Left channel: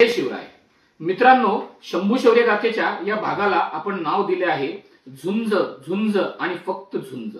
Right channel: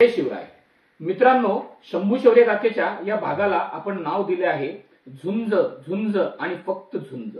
जय शिवराय मित्रांनो, शंभू शौर्य गाथेच्या या भागाला आपण नाव दिले आहे झुंज, झुंज आणि फक्त झुंज।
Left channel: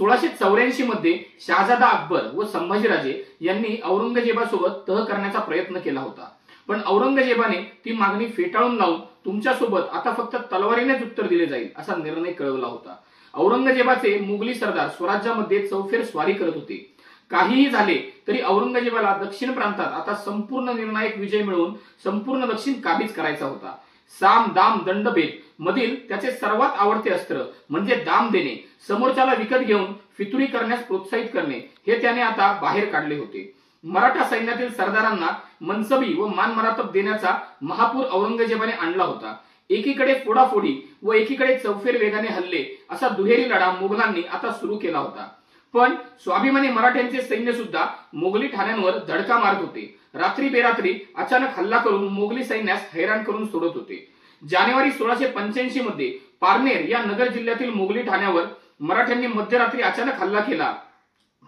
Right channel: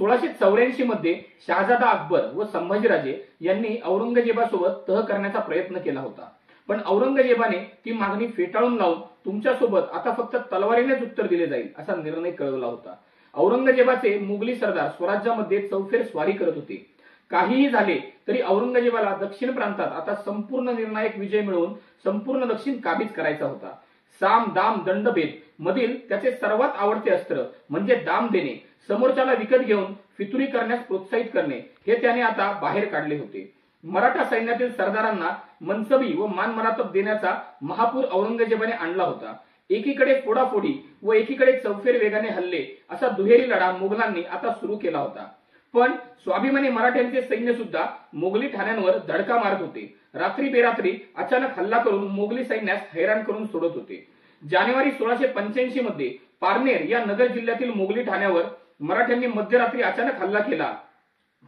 1684 मध्ये शहाजादा अकबर व संभाजीराजे यांनी औरंगजेबासोबत तह करण्याचा प्रयत्न केला होता, पण औरंगजेबाने ती मागणी फेटाळून लावून तुमच्यासोबत आता फक्त तलवारीनेच उत्तर दिले जाईल असा निर्णय कळवला होता। औरंगजेबाचे मुघली सरदार स्वराज्यामध्ये चौफेर स्वारी करत होते। काहीही झाले तरी औरंगजेबाला दक्षिण प्रांतात आता संपूर्ण निर्णायक विजय मिळवून संपूर्ण दक्षिण काबीज करायचा होता। साम दाम दंडभेद मधील त्याचे सर्वात आवडते अस्त्र म्हणजे दाम देणे, समोरच्याला विकत घेऊन फितुरी करण्यास प्रोत्साहित करणे हे त्याने आता बाहेर काढले होते। मराठा सैन्यातील सरदारांना मनसबी व मानमरातब देण्याचा महापूर औरंगजेबाने आणला होता। एकीकडे फोडाफोडी व एकीकडे चौफेर वेगाने हल्ले असा दुहेरी लढा मुघलांनी आता सुरू केला होता। पण स्वाभिमानी मराठ्यांचे सैन्य सुद्धा मोगली ठाण्यांवर धडका मारत होते। रात्री बेरात्री अचानक हल्ला करून मोगली सैन्यास हैराण करून सोडत होते। जानेवारी 1685 मध्ये पारनेर या नगर जिल्ह्यातील मोगली ठाण्यावर मराठ्यांनी मध्यरात्री अचानक हल्ला केला,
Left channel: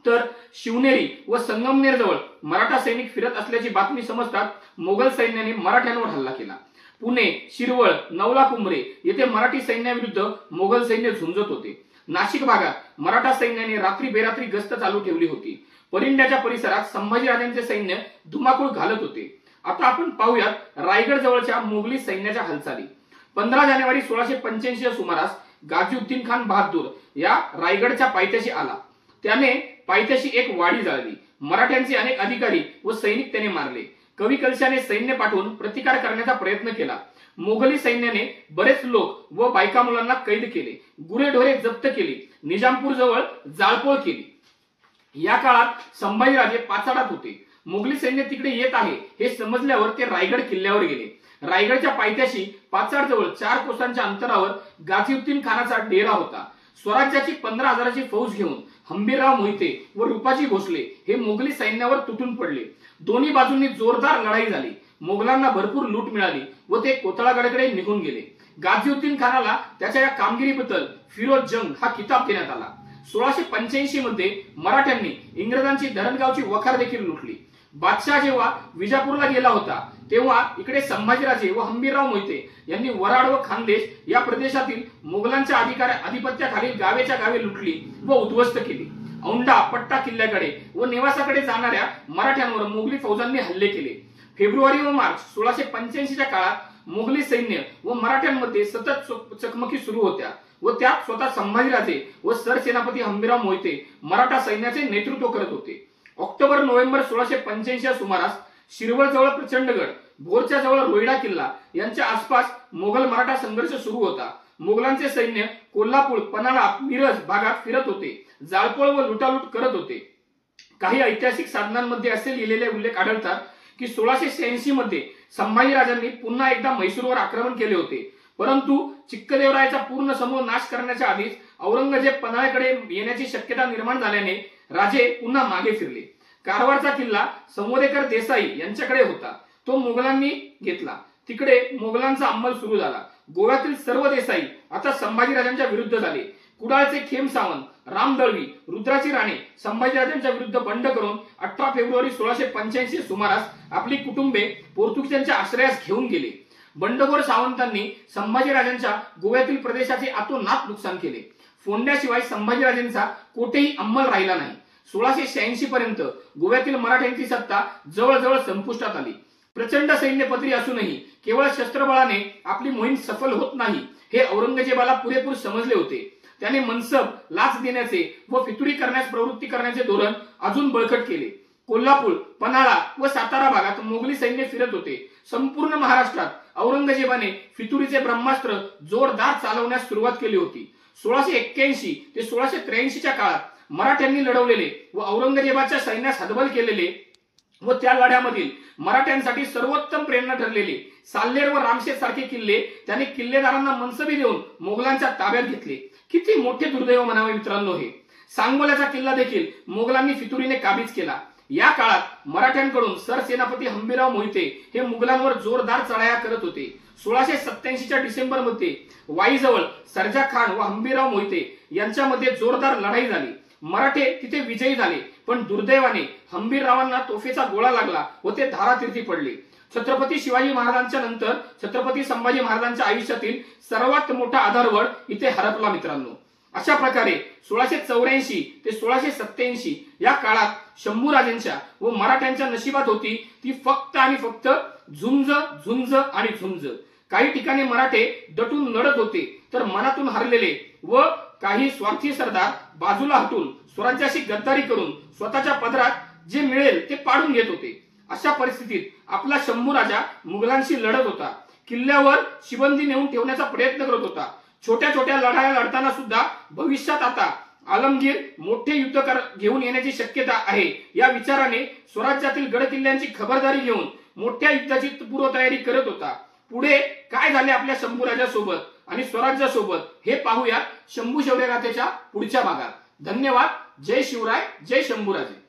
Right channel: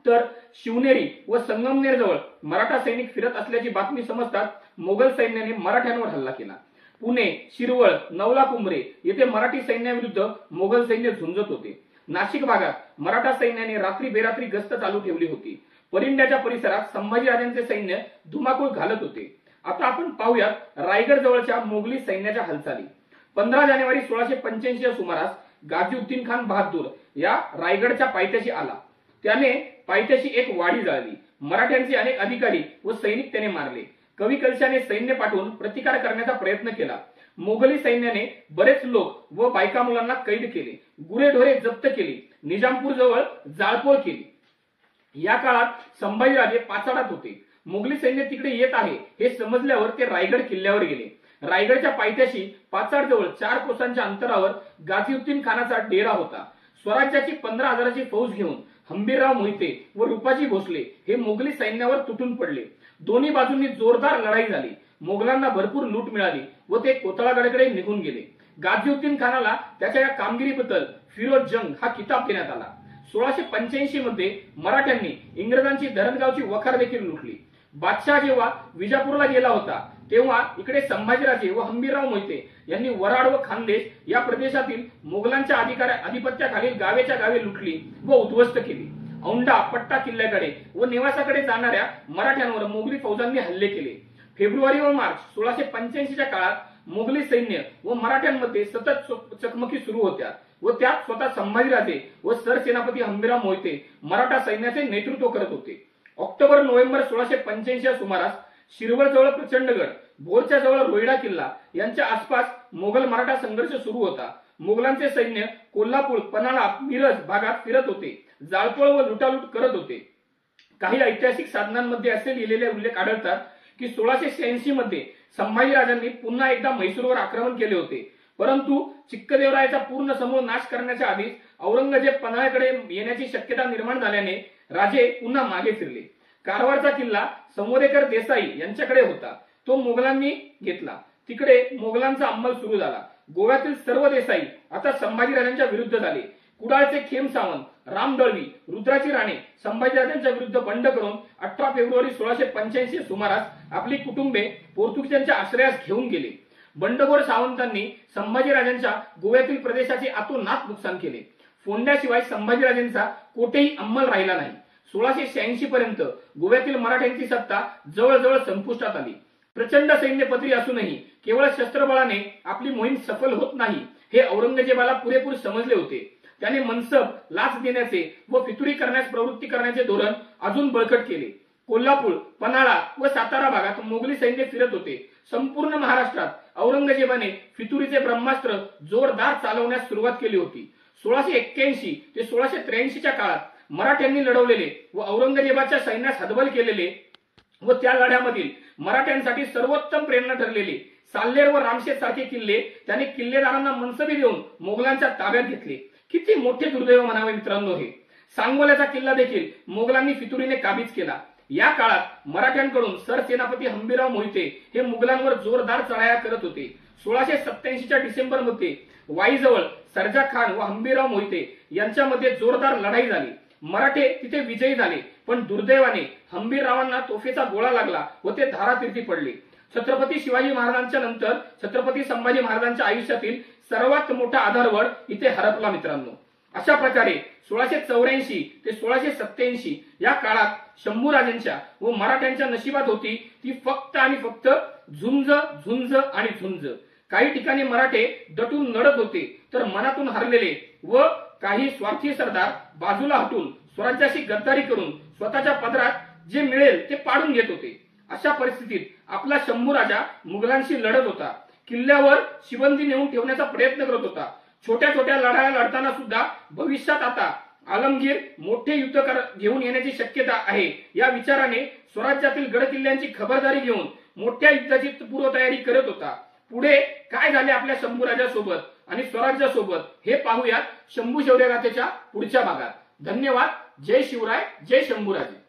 तर शिवनेरी व संगमनेर जवळ मराठा सैनिक फिरत असल्याची बातमी समजताच मोगल सैन्याने मराठ्यांवर हल्ला केला। पुणे, शिरवळ, नवला कुंभरे येथे मराठी सैन्याविरुद्ध मोगल सैन्य झुंजत होते। नाशिक भागात मराठा सैन्याने रात्री बेरात्री गस्त चालू ठेवली होती। परिंड्याच्या परिसरात संभाजीराजांचे सैन्य धुमाकूळ घालत होते। आता आपण पाहूयात रायगड जवळच्या मोगली सैन्याच्या हालचाली। 15 जानेवारी 1685 या सुमारास गाझीउद्दीन खान बहादूर या रायगडच्या पायथ्याशी आला। त्याने पायथ्याशी एक वाडी जाळली। मराठ्यांचे अनेक अधिकारी व सैनिक त्याने मारले। कवी कलशाने सैन्य पाठवून प्रतिकार करण्याचा प्रयत्न केला। मोगली सैन्याने बरेच लोक व बायका मुलांना कैद केले, गुरेढोरे जप्त केली, निजामपूर जवळ जाळपोळ केली। या काळात संभाजीराजे पाचाडात होते। मोगली सैन्य तिकडे येत आहे हे समजल्यावर ते रायगड किल्ल्यावर गेले। रायगडच्या पायथ्याशी पाचाड जवळ 4 कोसांच्या अंतरावर गाझीउद्दीन खानाचा डेरा होता। स्वराज्याची 15,000ची फौज घेऊन हंबीरराव मोहिते व रूपाजी भोसले हे मोगली सैन्यावर तुटून पडले। दोन्ही बाजूंनी जोरदार लढाई झाली। मोगलांना भरपूर लूट मिळाली व ते कोतळागडाकडे निघून गेले। गाझीउद्दीन खानाला त्याच्या या कामगिरीबद्दल फिरोज जंग हा किताब देण्यात आला। 1685 मध्ये मराठ्यांनी इंग्रजांची धरणगावची वखार देखील लुटली। बादशाह जेव्हा विजापूरला गेला होता तेव्हा इकडे संभाजीराजे व हंबीरराव मोहिते यांनी वराड व खानदेश या प्रदेशातील मोगलांच्या आधिपत्याखालील गावेच्या गावे लुटली व उद्ध्वस्त केली। औंढा पट्टा किल्ल्याकडे व निवासाकडे जाणाऱ्या मराठ्यांवर मोगली फौजांनी हल्ले केले। फेब्रुवारी व मार्च 1685च्या काळात मोगली सैन्य व मराठ्यांमध्ये सतत चकमकी सुरू होत्या व त्यात स्वतः संभाजीराजे व सरसेनापती हंबीरराव मोहिते मराठा सैन्याचे नेतृत्व करत होते। ऑक्टोबर नोव्हेंबर 1685 या सुमारास शिरवळ जवळ प्रचंडगड, भोरच्या जवळ रोहिडा किल्ला यांच्या आसपास मोगल मराठा संघर्ष सुरू होता। मोगलांचे सैन्य कोल्हापूर, पन्हाळा, मिरज भागात फिरत होते, जाळपोळ व लुटालूट करत होते। काही ऐतिहासिक साधनांमध्ये असे लिहिलेले उल्लेख आढळतात की 1686 मध्ये संभाजीराजांनी पुन्हा एकदा म्हैसूरवर आक्रमण केले होते, परंतु चिक्कदेवरायाचा पूर्ण समूह नाश करण्याच्या आधीच औरंगजेब पन्हाळ्याकडे येण्याची शक्यता निर्माण झाल्याने राजे पुन्हा मागे फिरले। कारवारचा किल्ला संवदेकर देसाई यांच्याकडे होता, तो मोगलांनी घेतला। तिकडे मोगलांचा अंमल सुरू झाला। गोव्यातील सर्व देसाई आता संभाजीराजांच्या विरुद्ध झाले। कुडाळचे खेम सावंत, राम दळवी, रुद्राची राणे संभाजीराजांच्या विरुद्ध बंड करून 18 फेब्रुवारी 1685 सुमारास आपली कुटुंबे पोर्तुगीजांच्या आश्रयास घेऊन गेले। बंडखोर सावंतांनी संभाजीराजांच्या गोव्यातील प्रदेशाचे अतोनात नुकसान केले। फोंड्याशिवाय संभाजीराजांचा कोठेही अंमल राहिला नाही। 1686 पर्यंत गोव्यातील मराठ्यांची सत्ता जवळजवळ संपुष्टात आली। प्रचंड सैन्यपत्री असूनही केवळ शस्त्रबळाने आपली मोहीम सफल होत नाही हे औरंगजेबाला पुरेपूर समजले होते। त्याने मनसब, लाच देण्याचे व फितुरी करण्यास प्रवृत्ती करण्याचे धोरण अजून बळकट केले। कोल्हापूर, पन्हाळा व सातारा भागात मोगली सैन्य फिरत होते। संपूर्ण महाराष्ट्रात औरंगजेबाने फितुरीचे ब्रह्मास्त्र जोरदार चालवण्यास सुरुवात केली होती। 1681 ते 1683च्या काळात मराठ्यांनी लढवलेले व औरंगजेबाच्या सैन्यास हतबल केलेले व त्या लढ्यामधील मराठ्यांसाठी सर्वोत्तम प्रेरणा ठरलेले साल्हेर व रामशेत सारखे किल्ले त्याने किल्लेदारांना मनसबी देऊन मोगलांच्या ताब्यात घेतले। किती मोठे दुर्दैव म्हणावे मित्रांनो हे। सांगोल्याचा किल्ला देखील मोगलांनी फितुरीने काबीज केला। या काळात मराठ्यांकडून सरसेनापती हंबीरराव मोहिते हे मुघलांवर जोरदार चढाया करत होते। 1687च्या डिसेंबर मध्ये वाईजवळ सर्जा खान व हंबीरराव मोहिते यांच्यामध्ये जोरदार लढाई झाली। मराठे तिथे विजयी झाले, पण दुर्दैवाने हंबीररावांना तोफेचा गोळा लागला व ते धारातीर्थी पडले। छत्रपती शिवाजी महाराजांच्या नंतर छत्रपती संभाजी महाराजांच्या आयुष्यातील सर्वात मोठा आधारवड इथे हरपला मित्रांनो। अशा प्रकारे 1684 ते 1687 या काळात शंभूराजांच्या व मराठ्यांच्या नशिबात होती ती फक्त आणि फक्त झुंज झुंज आणि झुंज। काही ठिकाणी मराठे दटून लढत होते तर मनातून हरलेले व काही स्वार्थी सरदार बाजूला हटून स्वराज्याशी गद्दारी करून स्वतःच्या पदरात जे मिळेल ते पाडून घेत होते। अशा परिस्थितीत आपला शंभूराजा मुघलांशी लढत होता, किल्ल्यावर शिबंदी नेऊन ठेवण्याचा प्रयत्न करत होता। छोट्या छोट्या लढाया लढताना सुद्धा भविष्यात आता आलमगीर मोठे युद्ध घेऊन येण्याची शक्यता आहे या विचाराने स्वराज्यातील गडकिल्ल्यांची खबरदारी घेऊन मोठ्या युद्धाची पूर्वतयारी करत होता। पुढे काय झाले आपल्या शंभूराजासोबत आणि स्वराज्यासोबत हे पाहूया शंभू शौर्य गाथेच्या पुढच्या भागात। धन्यवाद। जय शिवराय, जय शंभूराजे।